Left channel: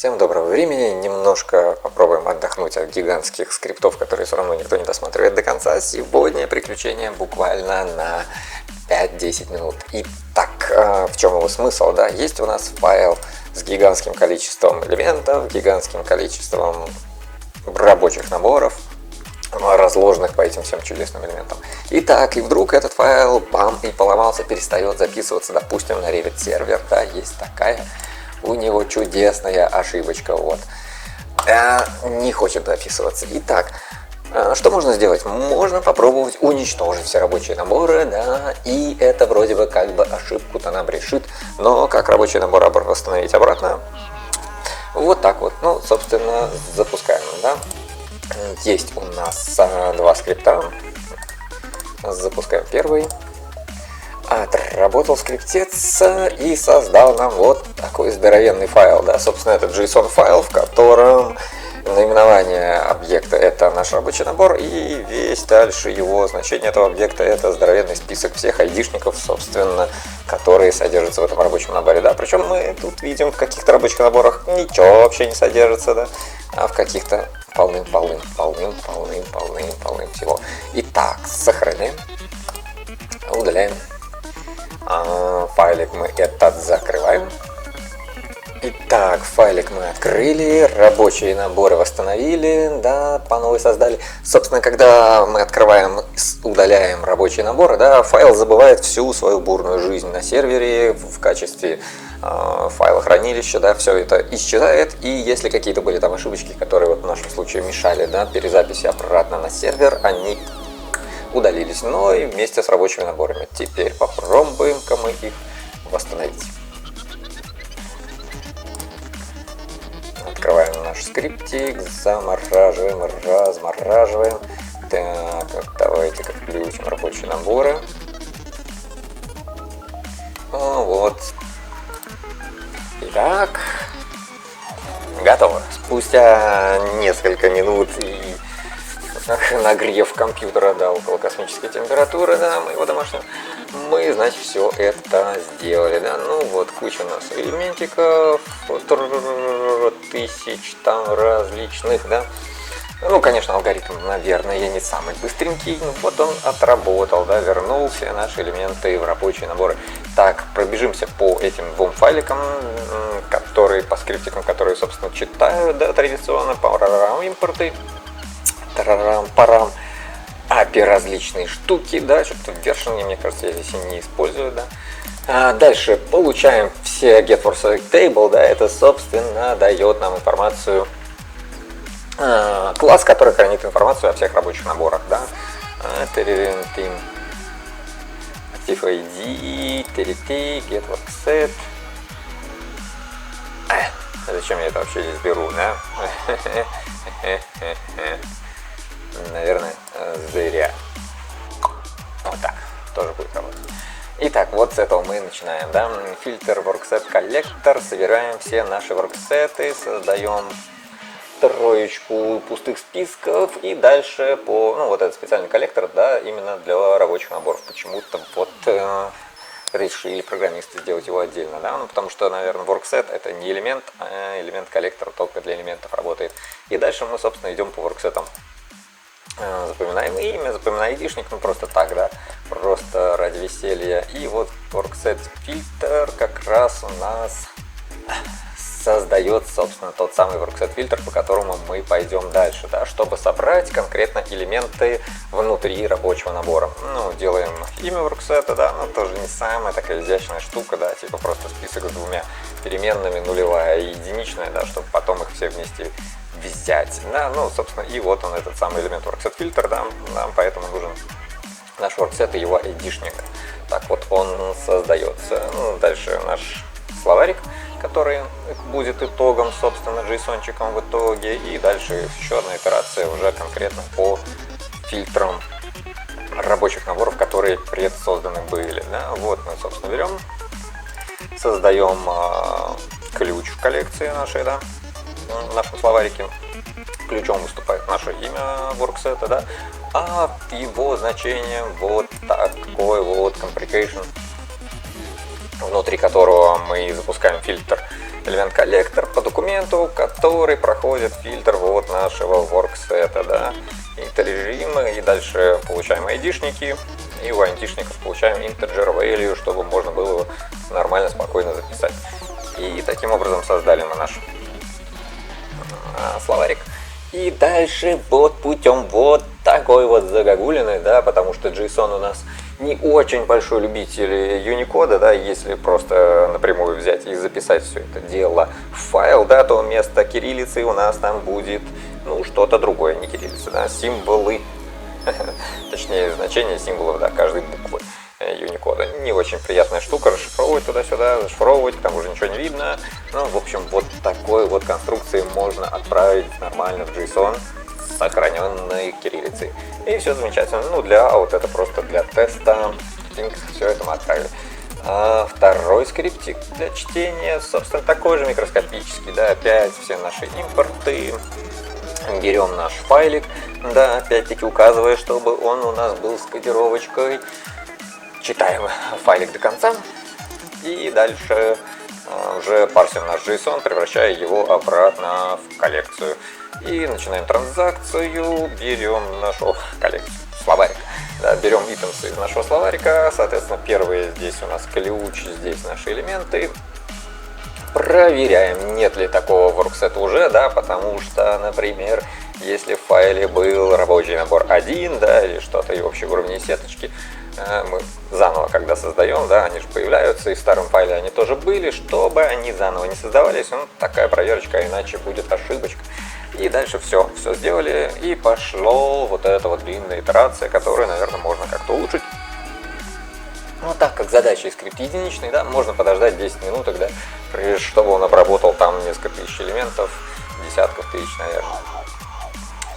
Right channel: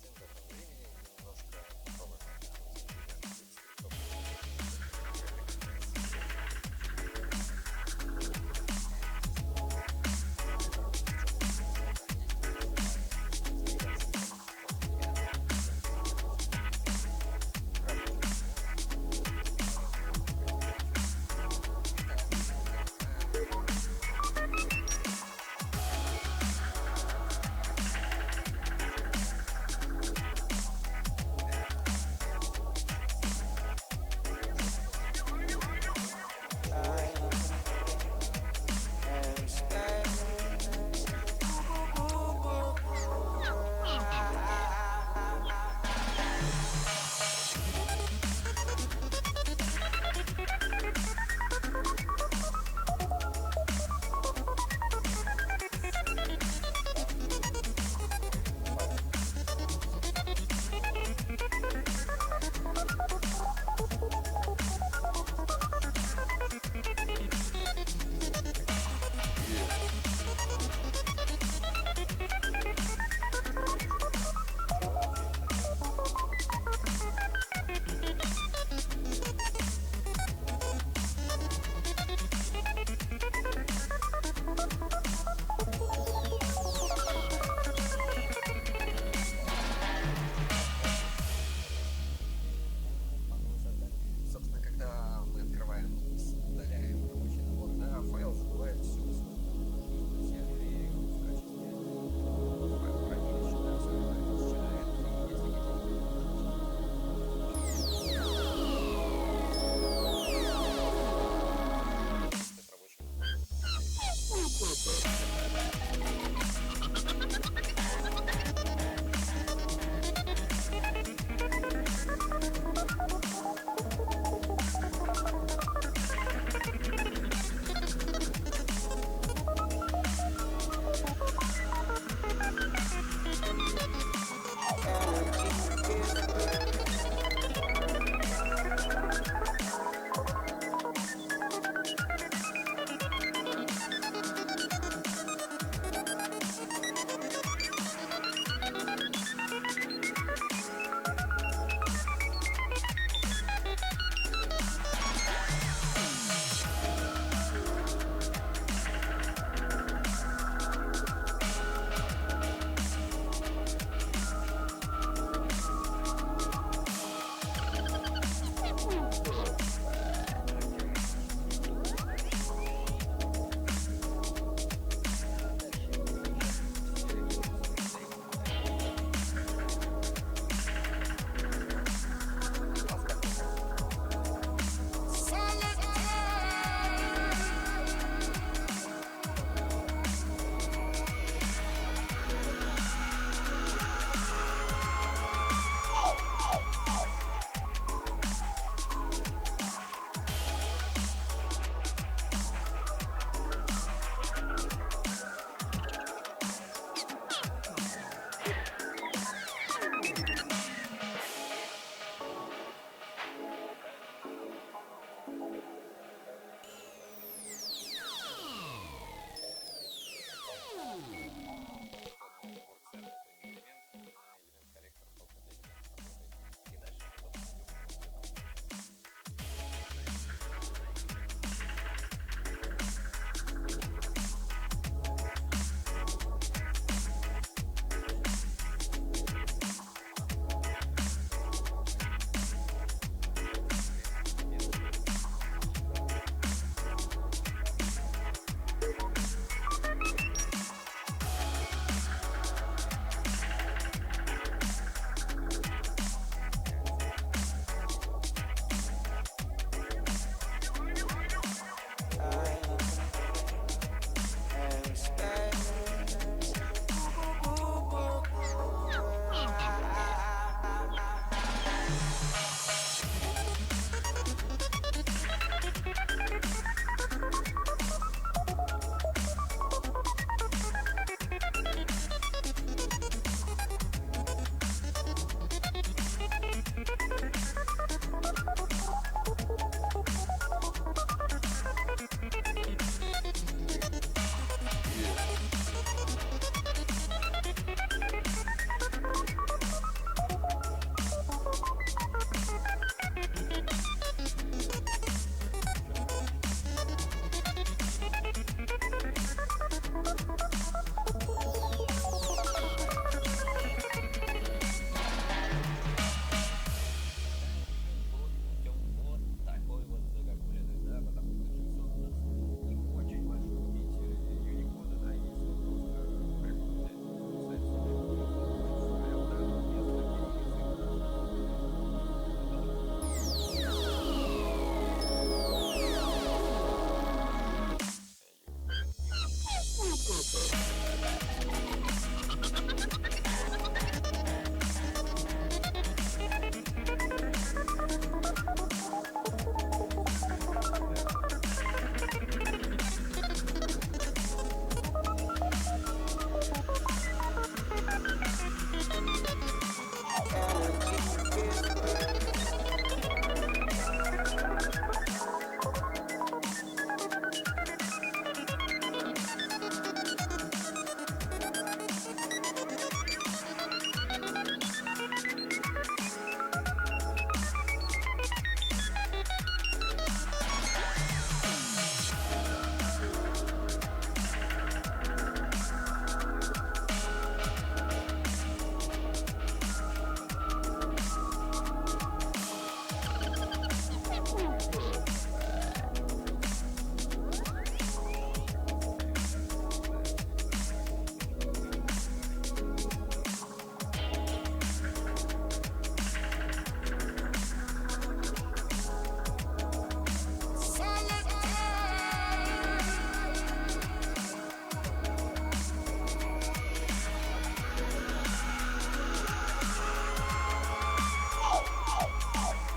Всем доброго времени, немножко попробуем отдохнуть от гигантских скриптов, которые все равно никто не досматривает до конца. Сегодня приключение буквально на 5-10 минут. Итак, в чем его смысл, да? Есть у нас файл с гигантским количеством элементов, гигантским количеством рабочих наборов, разложенных по этим всем чудесным элементам. Итак, и вдруг этот файл, бам, и поломался, перестает записываться, допустим, на Revit сервер, да, есть такая. У него чудесная ошибочка, вот. Не хочет записываться. Итак, что можно сделать? Можно попробовать уничтожить все рабочие наборы, да, и это вроде бы как бы ошибку-то нам решит, но как рабочий набор восстановить обратно? Вот так вот, ну, собственно, запускаем, да. Есть у нас два скрипта. Запускаем первый. Отработал скриптец и создал нам вот такой здоровенный файл, да, собственно, это JSON файл, в котором наименование объекта это наш рабочий набор, и весь дальше его значение этого объекта это здоровенный список всех айдишников, собственно, которые содержатся в этом рабочем наборе, да, причем мы тут видим в каких-то рабочих наборах ничего вообще не содержится, да, а в каких-то полным всего. Итак, сохраняем, удаляем. Файлик мы этот закрываем. Итак, файлик мы открыли, рабочие наборы восстановили, да, по новой создали. Собственно, когда мы открываем, удаляем рабочие наборы, да, файл забывает всю свою бурную жизнь на сервере в качестве файла хранилища, да, все это исчезает. И если какие-то были там ошибочки, которые вот в нашем случае мешали, да, перезаписи обратно на сервер, они удалились, но и вместе с рабочими наборами. Теперь попробуем-ка мы их восстановить. Открываем наш скриптик, замораживаем, размораживаем. Так, вот давайте-ка включим рабочие наборы. Вот. Итак, готово. Спустя несколько минут и нагрев компьютера до около космической температуры, да, моего домашнего, мы, значит, все это сделали, да, ну вот, куча у нас элементиков, тысяч там различных, да, ну, конечно, алгоритм, наверное, не самый быстренький, но вот он отработал, да, вернул все наши элементы в рабочие наборы. Так, пробежимся по этим двум файликам, которые, по скриптикам, которые, собственно, читают, да, традиционно, по импорты, парам, API различные штуки, да, что-то в вершине, мне кажется, я здесь не использую, да. Дальше получаем все getForSelectTable, да, это, собственно, дает нам информацию, класс, который хранит информацию о всех рабочих наборах, да. Active ID, TRT, getWorkset. Зачем я это вообще здесь беру, да? Наверное, зря. Вот так, тоже будет работать. Итак, вот с этого мы начинаем, да, фильтр workset коллектор, собираем все наши workset'ы, создаем троечку пустых списков и дальше по, ну, вот этот специальный коллектор, да, именно для рабочих наборов. Почему-то вот решили программисты сделать его отдельно, да, ну, потому что, наверное, workset это не элемент, а элемент коллектора только для элементов работает. И дальше мы, собственно, идем по workset'ам. Запоминаем имя, запоминаем айдишник, ну просто так, да, просто ради веселья. И вот workset фильтр как раз у нас создает, собственно, тот самый workset фильтр, по которому мы пойдем дальше, да, чтобы собрать конкретно элементы внутри рабочего набора. Ну, делаем имя workset, да, но тоже не самая такая изящная штука, да, типа просто список с двумя переменными, нулевая и единичная, да, чтобы потом их все вместе взять, да, ну, собственно, и вот он, этот самый элемент workset фильтр, да, нам поэтому нужен наш workset и его айдишник. Так вот он создается. Ну, дальше наш словарик, который будет итогом, собственно, JSON-чиком в итоге, и дальше еще одна операция уже конкретно по фильтрам рабочих наборов, которые предсозданы были, да. Вот мы, собственно, берем, создаем ключ в коллекции нашей, да, в нашем словарике. Ключом выступает наше имя workset, да, а его значение вот такой вот complication, внутри которого мы запускаем фильтр. элемент коллектор по документу, который проходит фильтр вот нашего ворксета, да, и режимы, и дальше получаем ID-шники, и у ID-шников получаем integer value, чтобы можно было его нормально, спокойно записать. И таким образом создали мы наш словарик. И дальше вот путем вот такой вот загогулины, да, потому что JSON у нас не очень большой любитель Unicode, да, если просто напрямую взять и записать все это дело в файл, да, то вместо кириллицы у нас там будет, ну, что-то другое, не кириллица, да, символы, точнее, значение символов, да, каждой буквы Unicode. Не очень приятная штука, расшифровывать туда-сюда, зашифровывать, там уже ничего не видно. Ну, в общем, вот такой вот конструкции можно отправить нормально в JSON с сохраненной кириллицей. И все замечательно. Ну, вот это просто для теста. Все это мы отправили. А второй скриптик для чтения, собственно, такой же микроскопический, да, опять все наши импорты. Берем наш файлик, да, опять-таки указывая, чтобы он у нас был с кодировочкой. Читаем файлик до конца и дальше уже парсим наш JSON, превращая его обратно в коллекцию. И начинаем транзакцию, берем нашу коллекцию, словарь. Да, берем итемсы из нашего словарика, соответственно, первые здесь у нас ключ, здесь наши элементы. Проверяем, нет ли такого ворксета уже, да, потому что, например, если в файле был рабочий набор 1, да, или что-то и общей уровней сеточки, мы заново, когда создаем, да, они же появляются, и в старом файле они тоже были, чтобы они заново не создавались, ну, такая проверочка, иначе будет ошибочка. И дальше все сделали, и пошло вот эта вот длинная итерация, которую, наверное, можно как-то улучшить. Ну, так как задача и скрипт единичный, да, можно подождать 10 минуток, да, чтобы он обработал там несколько тысяч элементов, десятков тысяч, наверное.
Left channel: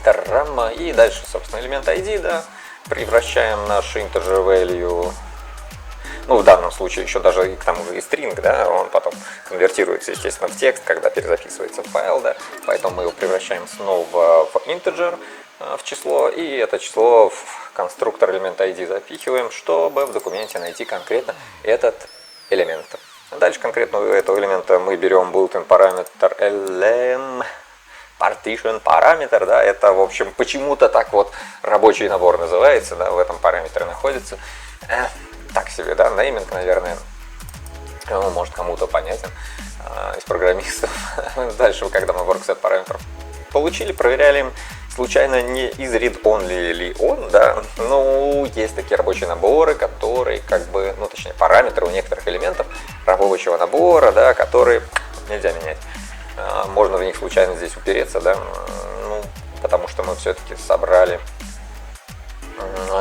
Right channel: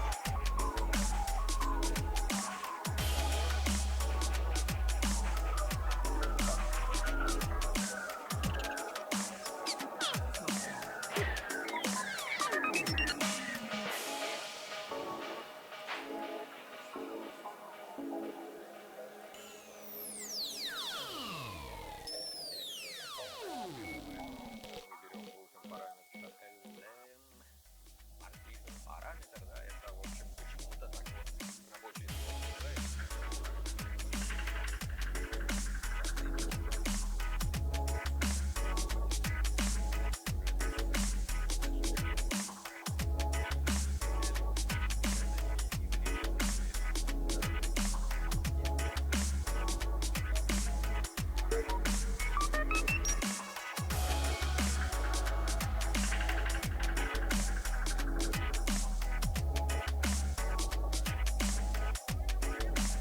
Тарама. И дальше, собственно, элемент ID, да, превращаем наш integer value, ну, в данном случае еще даже к тому же и string, да, он потом конвертируется, естественно, в текст, когда перезаписывается в файл, да, поэтому мы его превращаем снова в integer, в число, и это число в конструктор элемента ID запихиваем, чтобы в документе найти конкретно этот элемент. Дальше конкретно у этого элемента мы берем built-in параметр lm, partition параметр, да, это, в общем, почему-то так вот рабочий набор называется, да, в этом параметре находится. Так себе, да, нейминг, наверное, ну, может, кому-то понятен из программистов. Дальше, когда мы ворксет параметров получили, проверяли, случайно не из read-only ли он, да, ну, есть такие рабочие наборы, которые, как бы, ну, точнее, параметры у некоторых элементов рабочего набора, да, которые нельзя менять. Можно в них случайно здесь упереться, да, ну, потому что мы все-таки собрали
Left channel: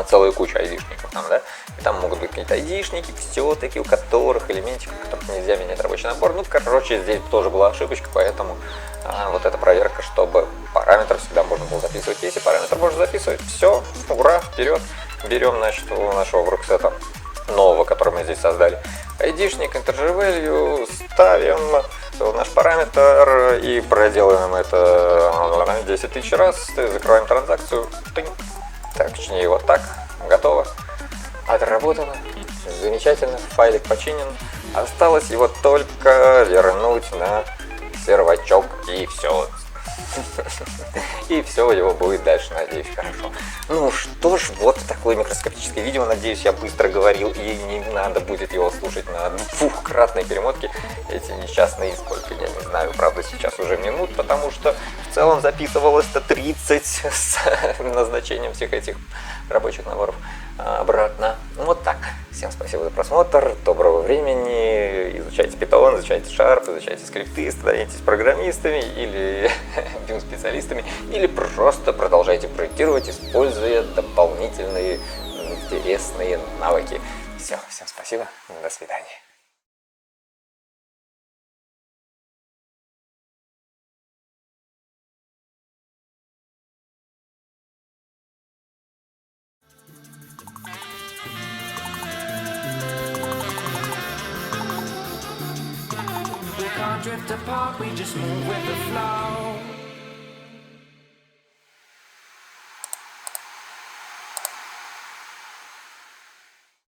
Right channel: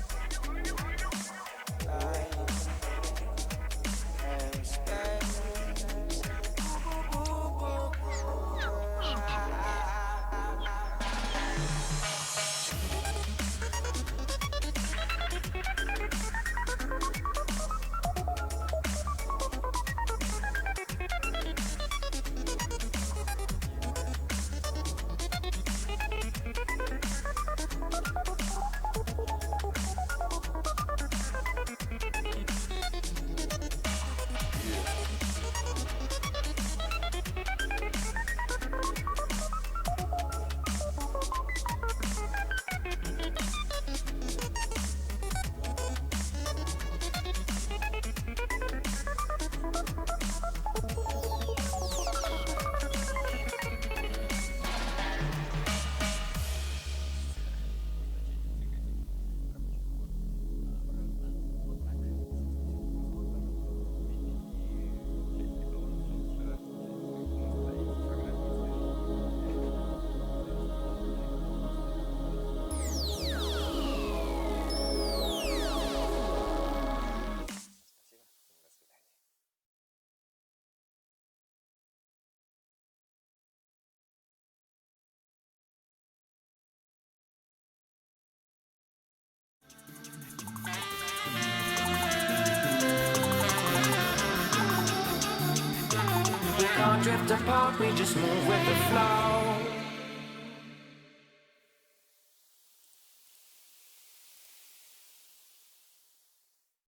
целую кучу ID-шников там, да, и там могут быть какие-то ID-шники, все-таки, у которых элементиков, которых нельзя менять рабочий набор. Ну, короче, здесь тоже была ошибочка, поэтому вот эта проверка, чтобы параметр всегда можно было записывать. Если параметр можно записывать, все, ура, вперед, берем, значит, у нашего ворксета нового, который мы здесь создали, ID-шник, integer value, ставим наш параметр и проделаем это 10 тысяч раз, закрываем транзакцию, так, точнее, вот так, готово, отработано, замечательно, файлик починен, осталось его только вернуть на сервачок, и все. И все, его будет дальше, надеюсь, хорошо. Ну что ж, вот такое микроскопическое видео, надеюсь, я быстро говорил, и не надо будет его слушать на двухкратной перемотке. Эти несчастные, сколько, я не знаю, правда, сейчас уже минут, потому что в целом записывалось-то 30 с назначением всех этих рабочих наборов обратно. Вот так. Всем спасибо за просмотр, доброго времени, изучайте Python, изучайте Sharp, изучайте скрипты, становитесь программистами или специалистами, или просто продолжайте проектировать, используя дополнительные интересные навыки. Все, всем спасибо, до свидания. Drift apart, we just move with the flow.